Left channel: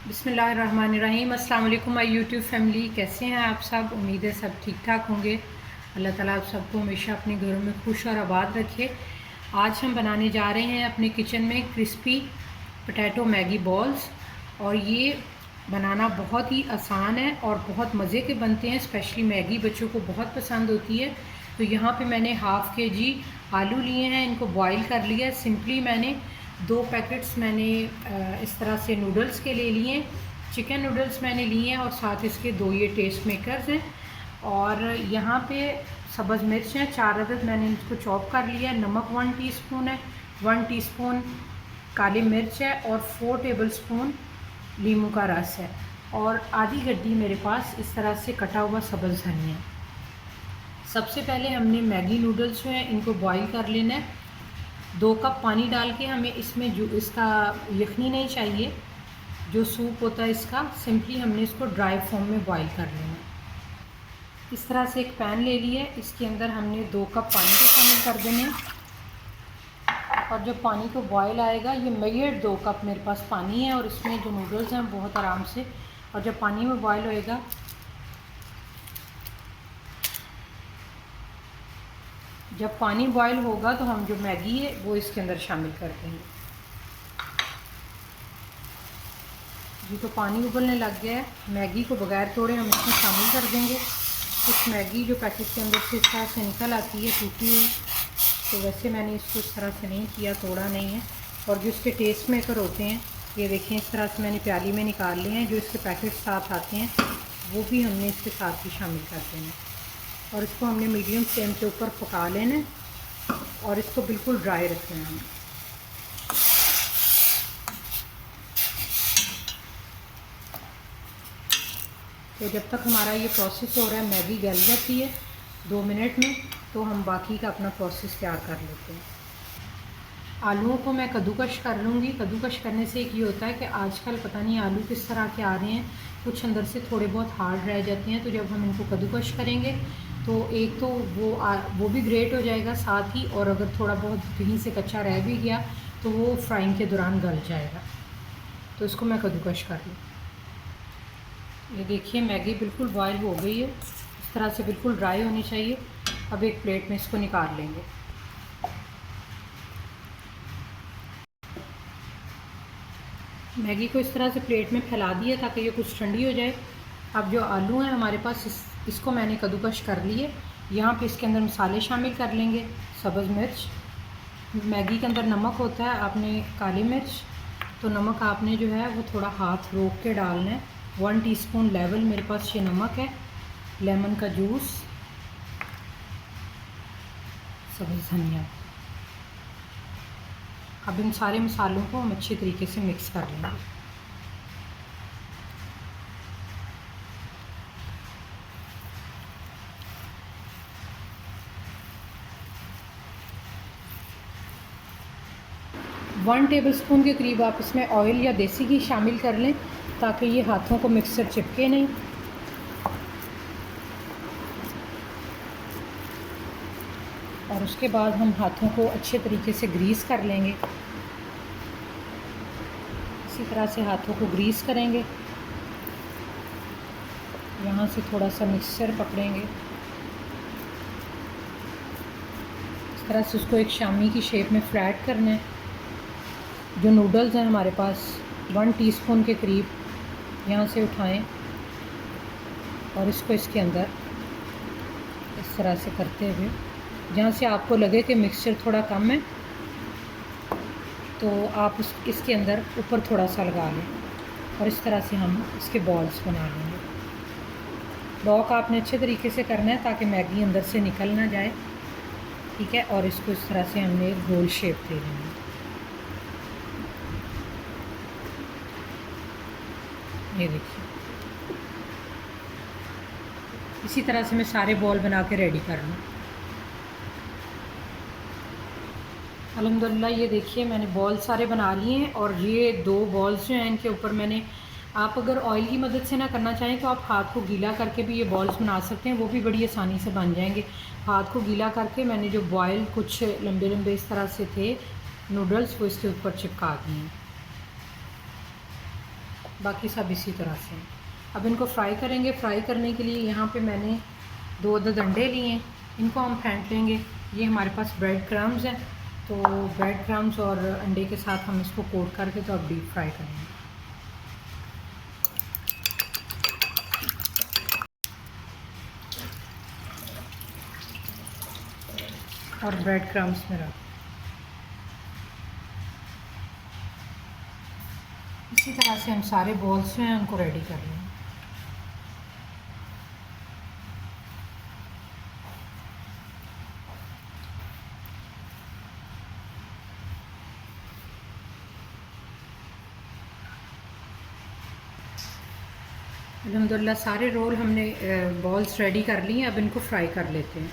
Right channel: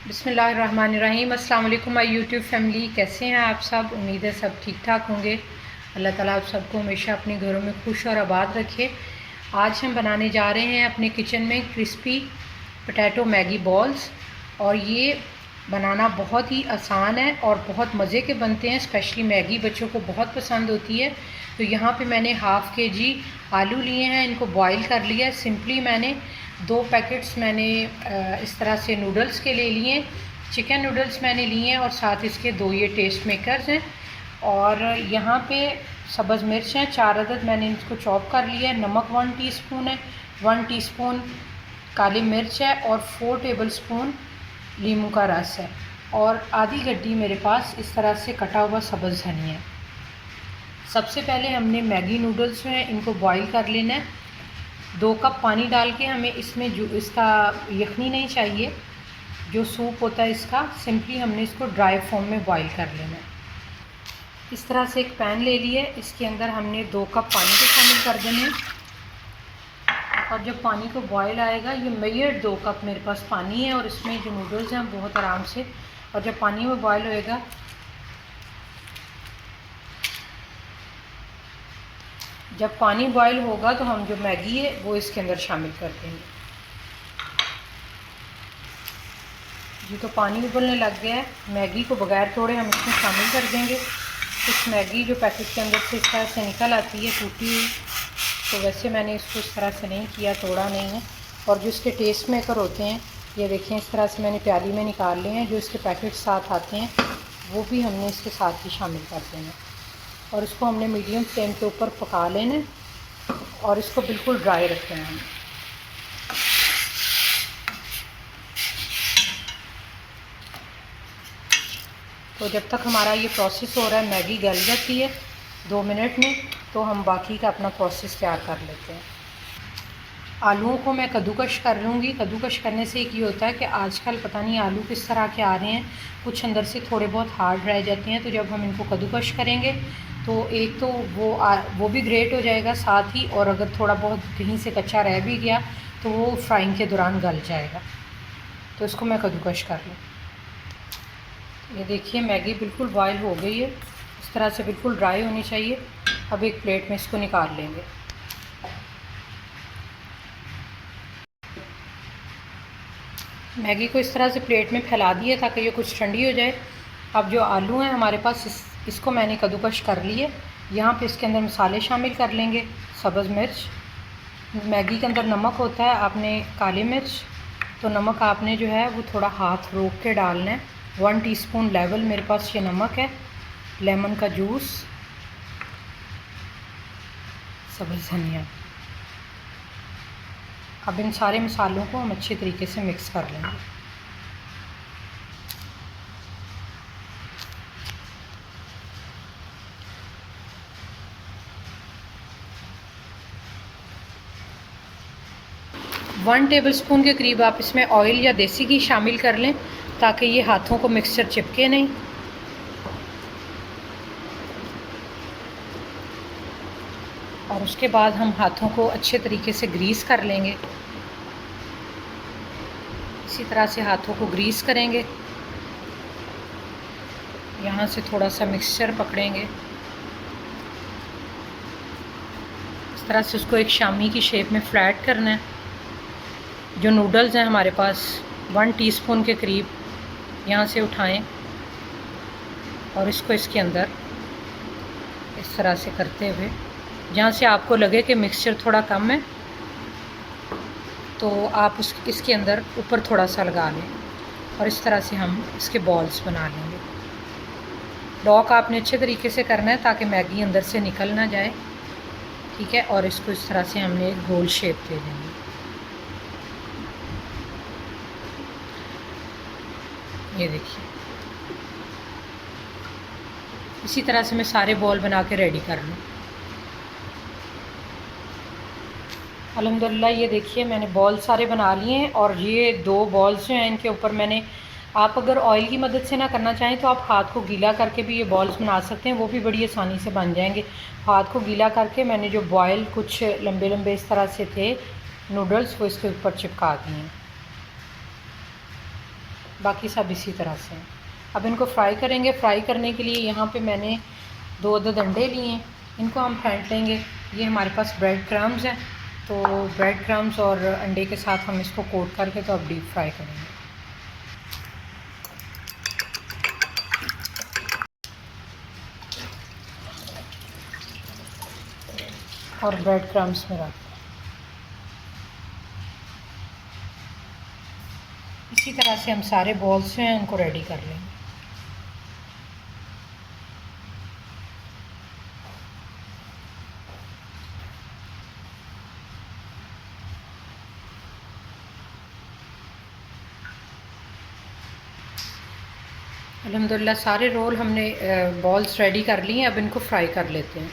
बिस्मिल्लाहिर्रहमानिर्रहीम। अस्सलाम वालेकुम माय यूट्यूब फैमिली, कैसे हैं आप सब। उम्मीद है सब ठीक ठाक होंगे। अल्लाह ताला आप सबको हमेशा अपने घरों में खुश और आबाद रखे। आज हम बनाने जा रहे हैं अपने किचन में क्रिस्पी पोटैटो मैगी बॉल्स, और ये बनाना बहुत ही आसान है और बहुत मज़े के बनते हैं। स्पेशली मैगी बच्चों को बहुत पसंद होती है। तो यहाँ पे मैंने हाफ़ kg आलू लिए हैं, इनको बॉईल कर लिया है। सिंपली मैंने 2 पैकेट्स मैंने इस तरह से नूडल्स के ले लिए, चिकन नूडल्स मैंने लिए हैं, और साथ इसके 2 ये टेस्ट मेकर्स हैं। और यहाँ पे सब्ज़ मिर्च हैं 4 अदद, मैंने इनको चॉप कर लिया है। नमक 1 टीस्पून है, 1 टीस्पून काली मिर्च है, और 4 टेबलस्पून नींबू का रस है, और आधी गड्डी मेरे पास इस तरह से कटा हुआ सब्ज़ धनिया है। सबसे पहले हमने मैगी नूडल्स जो है इनको बॉईल कर लेना है। 2 कप पानी डाल के हमें इसमें जो इसका यखनी नहीं चाहिए, जो सूप होता है इसका, सिंपली हमने इसको ड्राई फॉर्म में बॉईल कर लेना है। इस तरह से एक पैन ले लिया, इसके अंदर हमने 2 कप पानी को शामिल कर देने हैं। और जब पानी को बॉईल आएगा, ये मेजर्ड 2 कप मेरे पास पानी है, और इसमें जो नूडल्स हैं बहुत आराम से, और जब पानी में बॉईल होएगा, जब पानी बॉईल होगा तो हम जो मैगी है वो इसके अंदर शामिल कर देंगे। जी तो पानी उबलने लग गया है, मैगी को बगैर तोड़े हम इसमें शामिल कर देंगे। इस मैगी जो पैकेट के अंदर से इस तरह से निकल आती है टूटी हुई, तो वैसे मैंने इसको इस तरह से नहीं किया, तोड़ा नहीं है। और जो इसके टेस्ट मेकर होते हैं, ये देखें इस तरह से मैंने प्याली में निकाल लिए हैं। जो इसके पैकेट साथ आते हैं वो भी हमने इसके साथ ही शामिल कर देना, और इसको हमने मीडियम फ्लेम के ऊपर पका लेना, और इसको बिल्कुल ड्राई रखना है। तो जब तक हमारा ये प्रोसेस हो रहा है, मैगी गल जाती है 2 मिनट में, तो हम बाकी का अपना प्रोसेस तैयार कर लेते हैं। आलूओं को मैं कद्दूकश कर लूँगी। कद्दूकश करने से एक ये होता है कि आजकल पता नहीं आलू किस तरह के आ रहे हैं, कुछ अंदर से थोड़े बहुत हार्ड रह जाते हैं। तो जब हम इनको कद्दूकश करेंगे तो एक तो वो भी ग्रेट हो जाएगा साथ ही, और अगर थोड़ा बहुत कहीं से कच्चा रह भी गया तो वो फ्राइंग के दौरान गल जाएगा। तो इसको मैं कद्दूकश कर लूँ। ये देखिए मैगी बिल्कुल बॉयल हो गई है, इस तरह से बिल्कुल ड्राई होनी चाहिए। अब एक प्लेट में इसको निकाल लेंगे। मैगी को इस तरह से प्लेट में फैला दिए ताकि ये कुछ ठंडी हो जाए। अब जो आलू हैं हमारे पास, इसको मैंने कद्दूकश कर लिए। यहाँ पे इसके अंदर मसाले शामिल कर लेंगे। सब्ज़ मिर्च, मैगी के अंदर नमक होता है, आपने काली मिर्च, तो नमक आपने जो है वो थोड़ा हाथ रोक के डालना है। 1 टीस्पून लेवल मेरे पास ये नमक है। लेमन का जूस, सब्ज़ धनिया। अब इन सारे मसालों को हम अच्छे तरीके से मिक्स कर लेंगे। वन टेबलस्पून के करीब आप इसमें ऑयल या देसी घी शामिल कर लें, ताकि ये हाथों को मिक्सचर चिपके नहीं। और उसके बाद हम हाथों को अच्छे तरीके से ग्रीस कर लेंगे। इसी तरह से हाथों को ग्रीस करेंगे, यहाँ से थोड़ा सा मिक्सचर पकड़ेंगे, इस तरह से उसको एक शामी की शेप में फ्लैट करना है। जो नूडल्स हैं हमारे पास 1 टीस्पून के करीब, यहाँ से उठाएं और इसको इसके अंदर इस तरह से करते हुए, जहाँ से आपको लगे कि मिक्सचर थोड़ा कम है तो आप इसके अंदर ऊपर थोड़ा सा लगा लें, और इस तरह से हम इसके बॉल्स बना लेंगे। लॉक आपने अच्छे तरीके से करना है ताकि मैगी अंदर से निकल ना जाए, ठीक है। और इसको इस तरह से हमने एक गोल शेप दे देंगे। ये देखिए, इसी तरह से मैं सारे बॉल बना के रेडी कर लूँ। अल्हम्दुलिल्लाह ये देखिए मैंने बॉल सारे बना लिए हैं, और ये 2 बॉल्स जो हैं इनके ऊपर मैंने, आप अगर ऑयल की मदद से ना करना चाहें तो आप हाथ को गीला करके भी ये बॉल्स बना सकते हैं, वो भी बड़ी आसानी से बन जाएंगे। हाथ को गीला करके मैंने जो बॉयल कुछ लंबे लंबे इस तरह से थे नूडल्स, वो इसके ऊपर चिपका दिए हैं। बाकी सब इसी तरह से हैं। अब इनको फ्राई करेंगे। फ्राई करने के लिए यहाँ पे मैंने 2 अदद अंडे लिए हैं, इनको हम फेंट लेंगे। ये हमारे पास ब्रेड क्रम्स हैं, तो ब्रेड क्रम्स और अंडे के साथ हम इसको कोट करके तो अब डीप फ्राई करेंगे। और ब्रेड क्रम्स में रख इसी तरह से हम सारे बॉल्स जो हैं उनको रेडी कर लेंगे। अल्हम्दुलिल्लाह सारे रोल हमने बॉल्स रेडी कर लिए हैं। अब इनको फ्राई कर लेते हैं।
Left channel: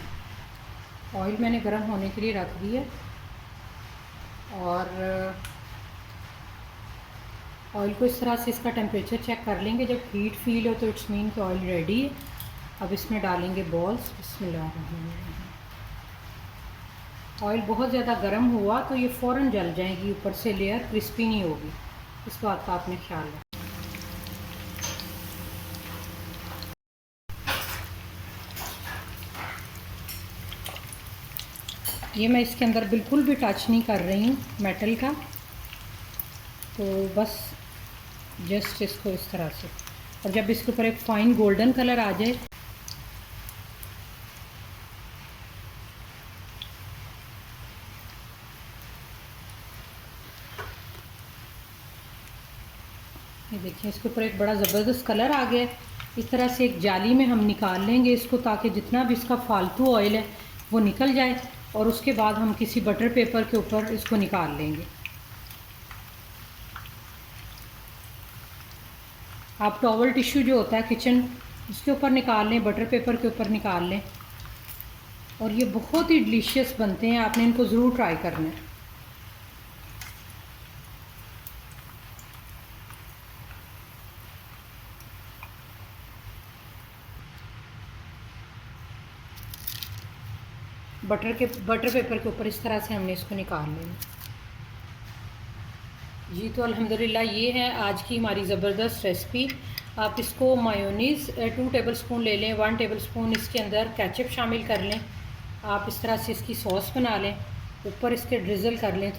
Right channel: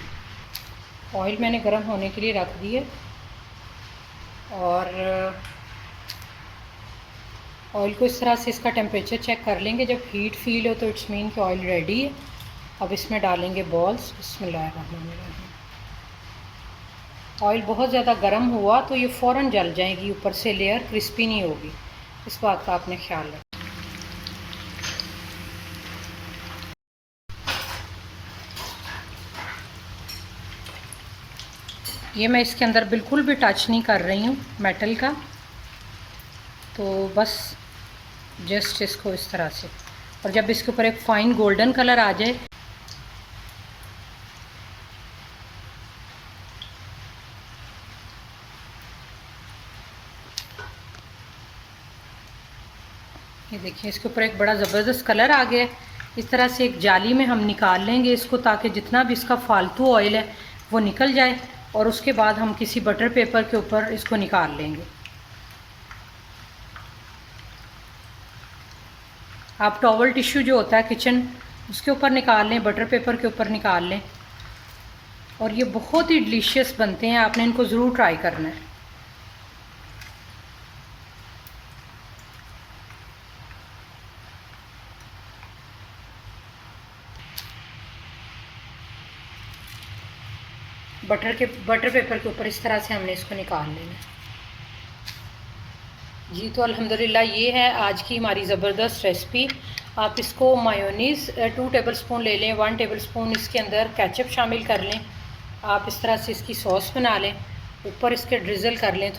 ऑयल मैंने गर्म होने के लिए रख दी है और ऑयल को इस तरह से इसका टेम्परेचर चेक कर लेंगे। जब हीट फील हो तो इट्स मीन कि ऑयल रेडी है। अब इसमें डालेंगे बॉल्स। बिस्मिल्लाहिर्रहमानिर्रहीम। ऑयल बहुत ज़्यादा गर्म हुआ तो ये फ़ौरन जल जाएगी, ऊपर से लेयर क्रिस्पी नहीं होगी, इस बात का आपने ख्याल रखें। ये मैं इसके अंदर बिल्कुल भी टच नहीं कर रही हूँ मेटल का, तो बस जस्ट इसको इस तरह से। और जब इसके ऊपर एक फ़ाइन गोल्डन कलर आ जाए ये देखिए इसके ऊपर एक बड़ा ज़बरदस्त कलर आ गया। इस तरह से एक जाली में हम निकाल लेंगे इसको, ताकि जितना भी इसका फालतू ऑयल है वो निकल जाए। और उसके बाद हम किसी बटर पेपर के ऊपर इसको निकाल लेंगे। आप टॉवल टिश्यू जो होता है किचन, उसके ऊपर निकाल लें, बटर पेपर के ऊपर निकाल लें। और ये बहुत ही डिलीशियस बनते हैं, आपने इनको ज़रूर ट्राई करना है। बटर पेपर के ऊपर इस तरह से हमने इसको निकाल लेना जी। तो अल्हम्दुलिल्लाह ये है आज की हमारी ज़बरदस्त रेसिपी। आप इसको मायोनीज़ 2 टेबलस्पून ले लें, 1 टेबलस्पून इसके अंदर केचप शामिल कर लें। आप इस तरह से इसकी सॉस बना लें, ऊपर इसके ड्रिज़ल कर लें